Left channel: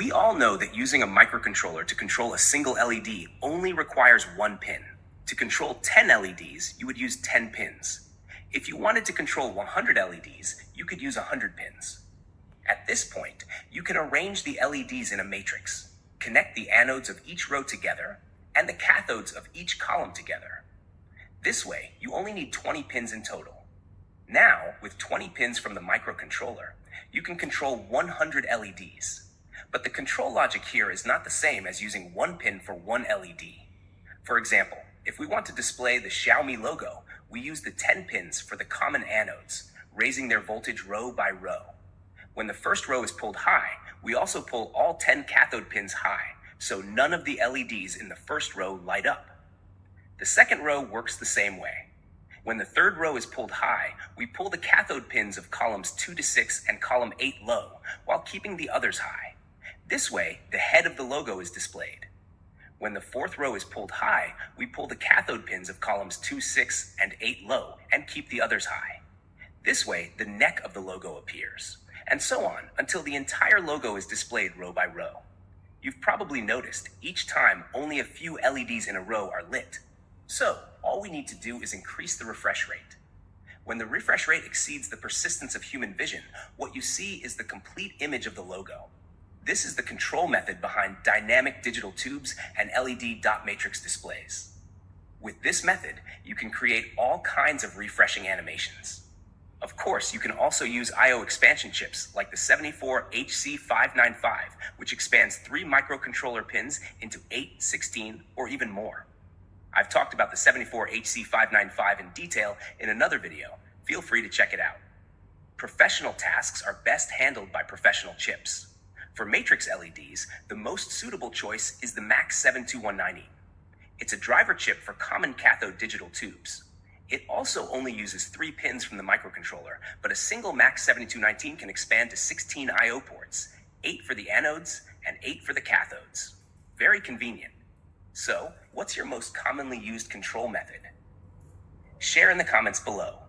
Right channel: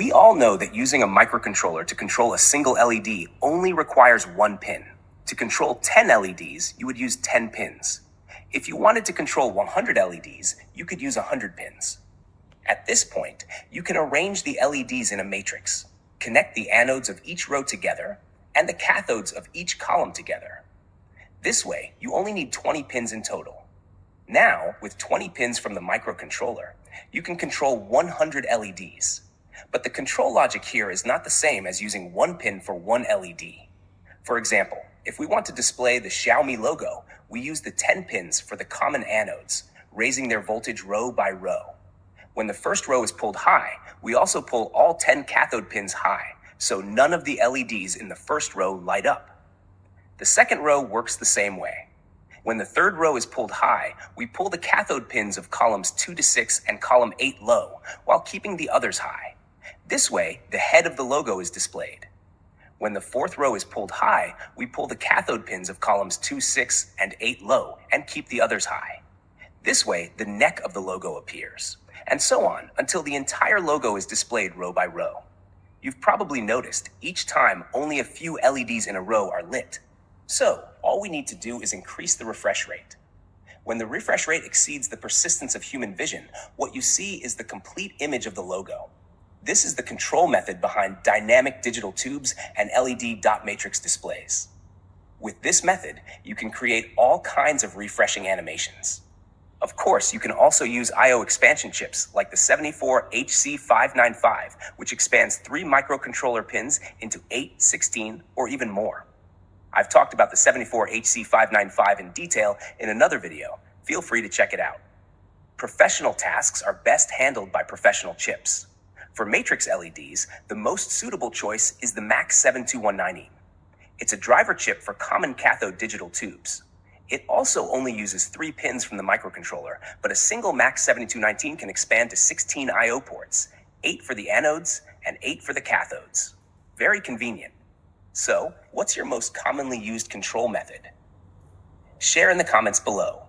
We all know that using a microcontroller to control a single LED only requires one pin. To control 10 LEDs, you would use 10 pins. If you wanted to control 100 LEDs, you could use 100 pins. At this point, you can arrange the LEDs in a matrix, connect the anodes of each row together, and the cathodes of each column together. This way, you only need 20 pins in total. Now, with 20 pins from the microcontroller, you can control 100 LEDs. But the control logic here is not the same as using one pin for one LED. For example, if we want to display the Xiaomi logo, we use the 10 pins for the common anodes, raising their voltage row by row. When the first row is pulled high, we also pull all 10 cathode pins high, so none of the LEDs in the first row light up. The second row works the same way. When the third row is pulled high, we pull the cathode pins of columns 2 to 6 and column 8 low, while keeping the others high. This way, the head of the logo is displayed. When the fourth row is pulled high, we pull the cathode pins of columns 2, 6, and 8 low, and keep the others high. This way, the neck of the logo appears, and so on until the entire logo is displayed row by row. You've probably noticed each time only a few LEDs in a row are lit. So, all we need to do is increase the refresh rate. When the refresh rate exceeds the persistence of human vision, what you see is the complete image of the logo. This is the control method behind dynamic digital tubes and LED dot matrix displays. With this method, you can create all kinds of refreshing animations. Of course, you can also use I/O expansion chips like the 74HC595, which expands 3 microcontroller pins into 8, 16, or even more. I've talked about the 74HC595 in detail in another video. Feel free to check it out. Professional tasks are best handled by professional chips. For matrix LEDs, the most suitable choice is the MAX7219E. It's a driver chip for common cathode digital tubes. It also only uses 3 pins from the microcontroller, but a single MAX7219 can expand to 16 I/O ports, 8 for the anodes and 8 for the cathodes. Very convenient. So, what's your most commonly used control method? Share in the comments below.